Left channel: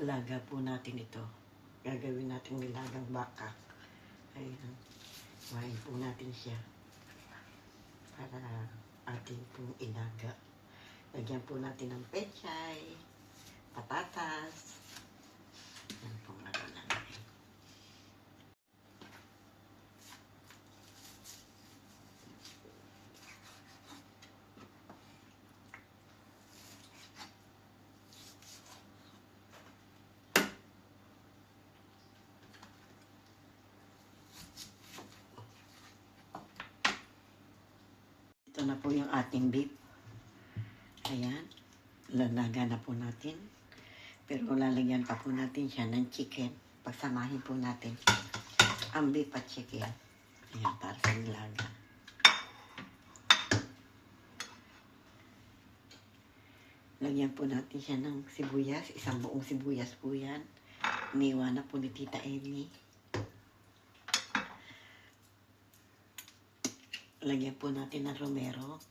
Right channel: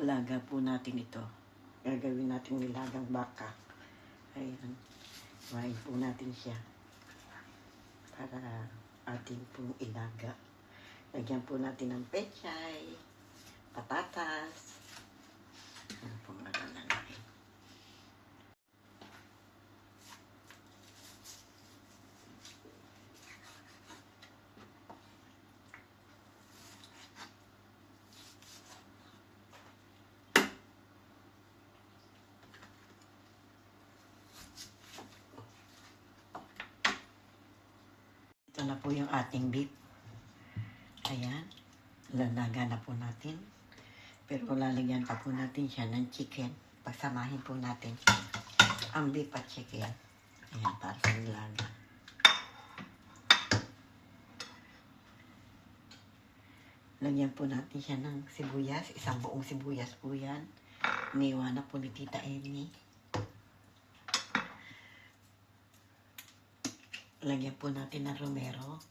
laga po natin ito. Gagawin natin nilagang baka. Ayan. Kuhain po natin siya para atin pong ilaga. Lagyan po natin ng pechay, patatas. Ayan po nga lang. Ito na po yung ating beef. Ayan. Lalaga na po natin. Pero lalagyan pa po natin siya ng chicken. Pagsamahin po natin ang beef at chicken. Ayan, para sa nilaga. Lagyan po natin siya ng sibuyas. Isang buong sibuyas po yan. Iniwa na po ni Tita Amy. Lagyan po natin ng romero.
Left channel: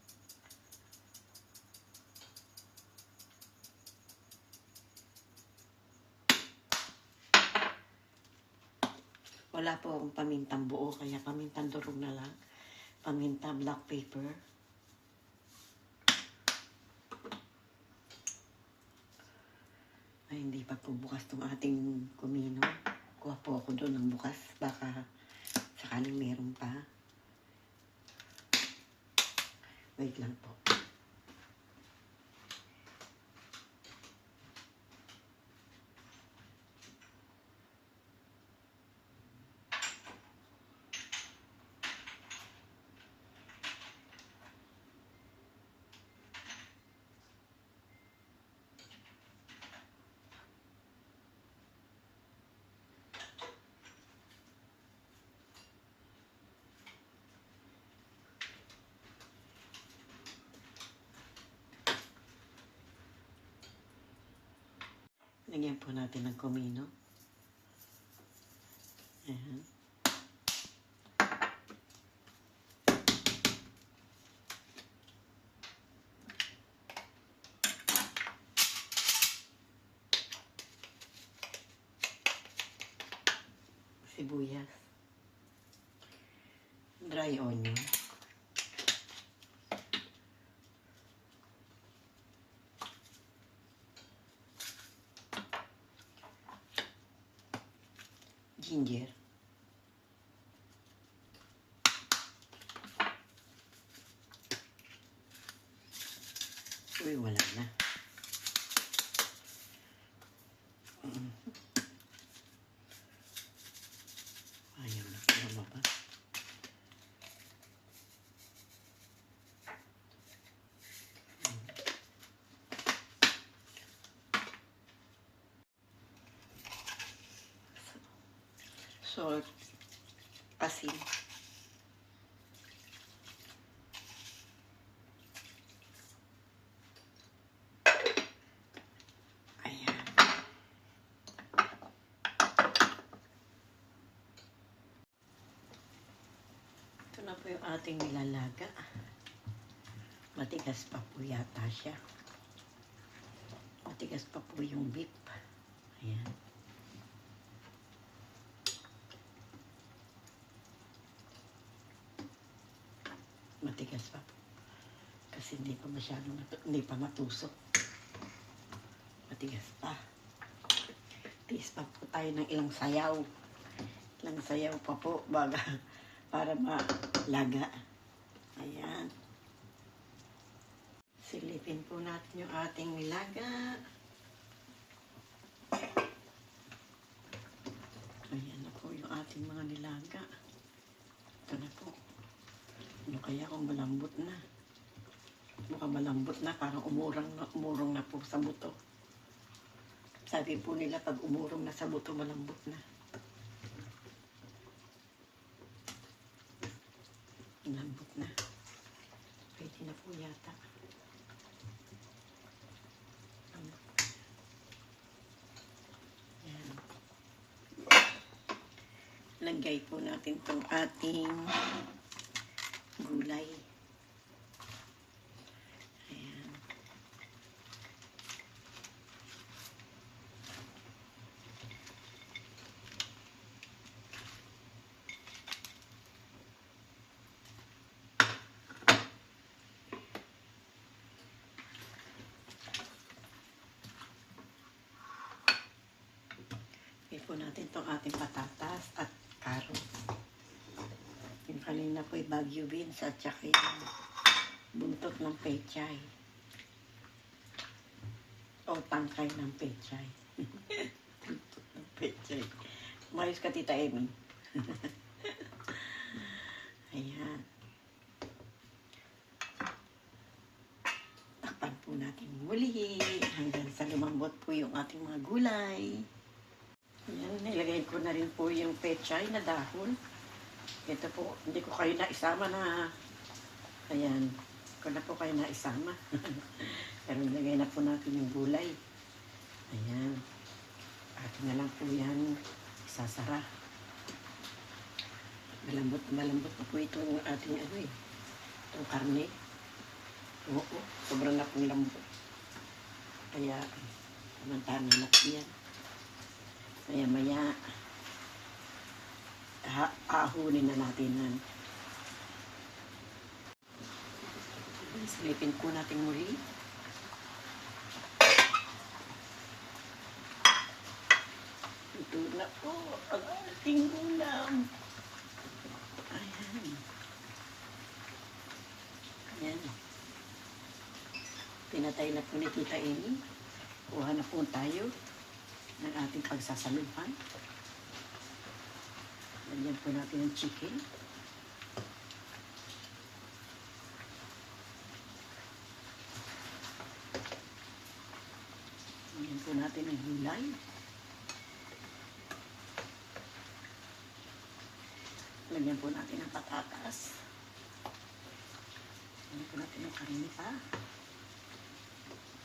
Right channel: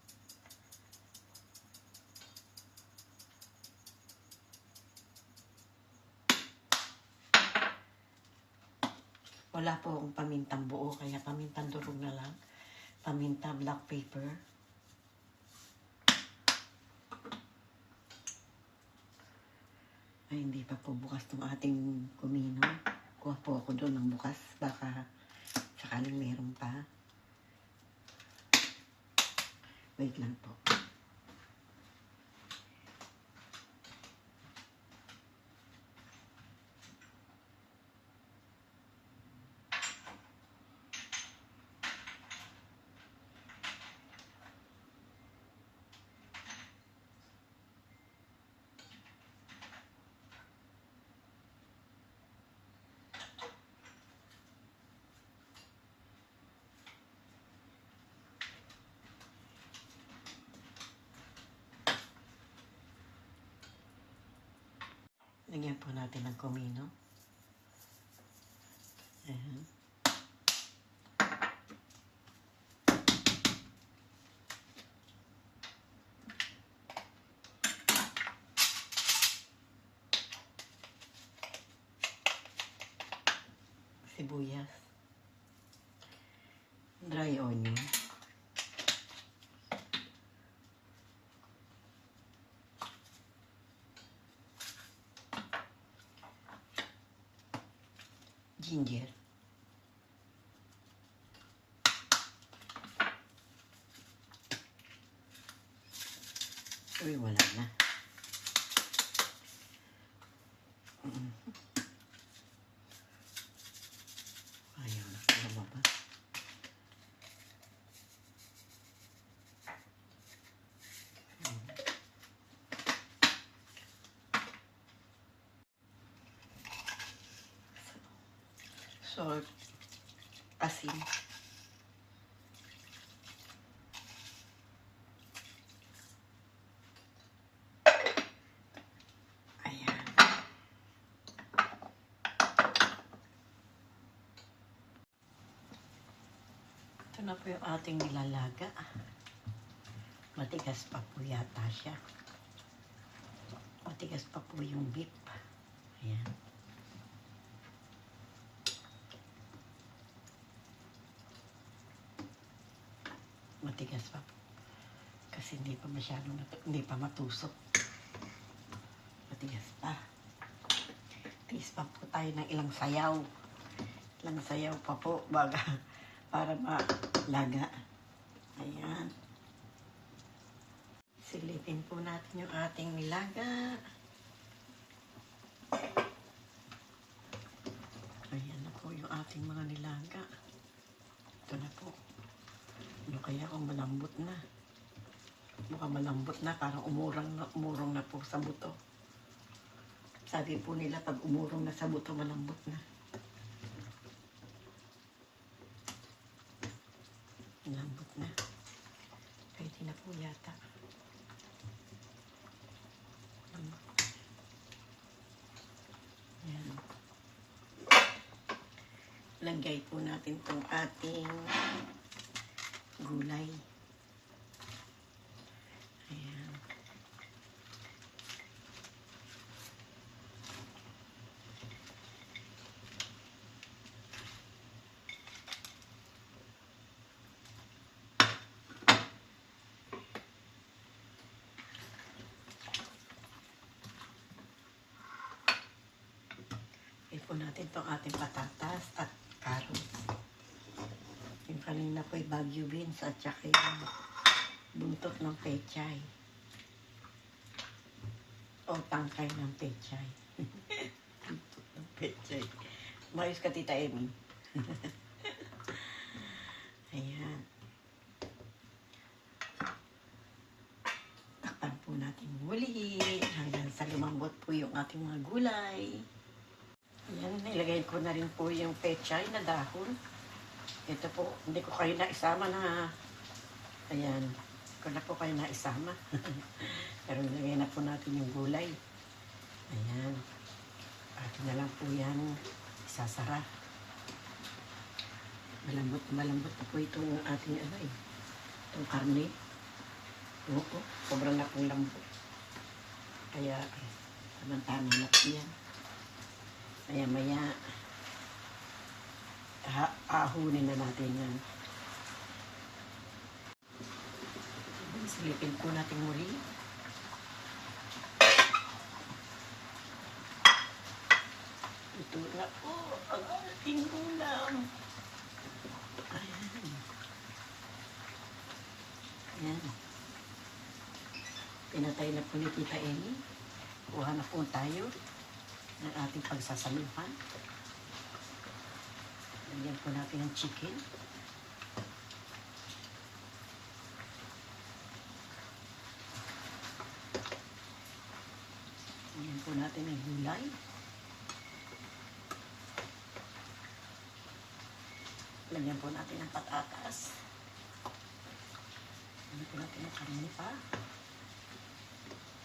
Wala po akong pamintang buo, kaya pamintang durog na lang. Paminta black pepper. Ay, hindi pa po bukas itong ating kumino. Kuha po ako doon ng bukas. Baka sakaling meron pa. Wait lang po. Lagyan po natin ng kumino. Ayan. Sibuyas. Dry onion. Ginger. Uy, wala na. Ayaw na kaya lumabas. Salt. Asin. Ayan. Ito na po yung ating nilalaga. Matigas pa po yata siya. Matigas pa po yung beef. Ayan. Matigas pa po. Kasi hindi pa masyadong, hindi pa matusok. Matigas pa. Tiis pa po tayo ng ilang sayaw. Ilang sayaw pa po baga para malaga. Ayan. Silipin po natin yung ating nilaga. Ayan na po yung ating mga nilaga. Ito na po. Ano kaya kung malambot na? Mukhang malambot na, parang umurong na po sa buto. Sabi po nila, pag umurong na sa buto, malambot na. Malambot na. Pwede na po yata. Ayan. Lagay po natin itong ating gulay. Ayan. po natin itong ating patatas at carrots. Yung kanina po ay Baguio beans at saka yung buntot ng pechay. O tangkay ng pechay. Buntot ng pechay. Umayos ka, Tita Amy. Ayan. Takpan po natin muli hanggang sa lumambot po yung ating mga gulay. Ayan, nilagay ko na rin po yung pechay na dahon. Ito po, hindi ko kayo naisama na, ayan, ko na po kayo naisama. Pero nilagay na po natin yung gulay. Ayan. Atin na lang po yan isasara. Malambot na po itong ating itong karne. Oo, sobrang na pong lambot. Kaya, tamang-tama na po yan. Kaya maya, ahunin na natin yan. Silipin po natin muli. Ito na po ang ating ulam. Ayan. Ayan. Pinatay na po ni Tita Amy. Kuha na po tayo ng ating pagsasaluhan. Lagyan po natin ang chicken. Lagyan po natin ang gulay. Lagyan po natin ang patatas. Lagyan po natin ang karne pa.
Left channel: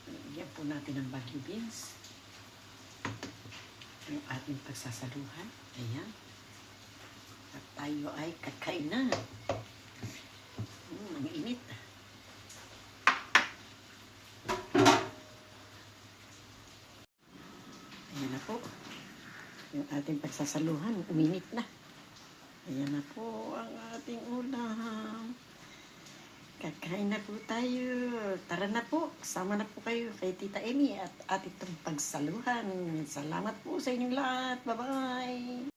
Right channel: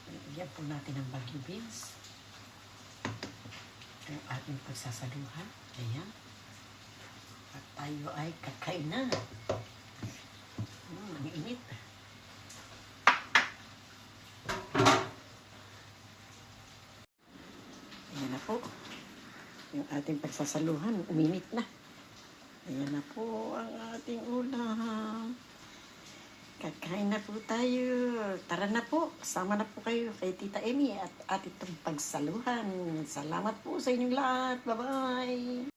Lagyan po natin ang Baguio beans. Ang ating pagsasaluhan. Ayan. At tayo ay kakain na. Ang init. Ayan na po. Yung ating pagsasaluhan, uminit na. Ayan na po ang ating ulam. Kakain na po tayo. Tara na po. Sama na po kayo kay Tita Amy at itong pagsaluhan. Salamat po sa inyong lahat. Bye-bye.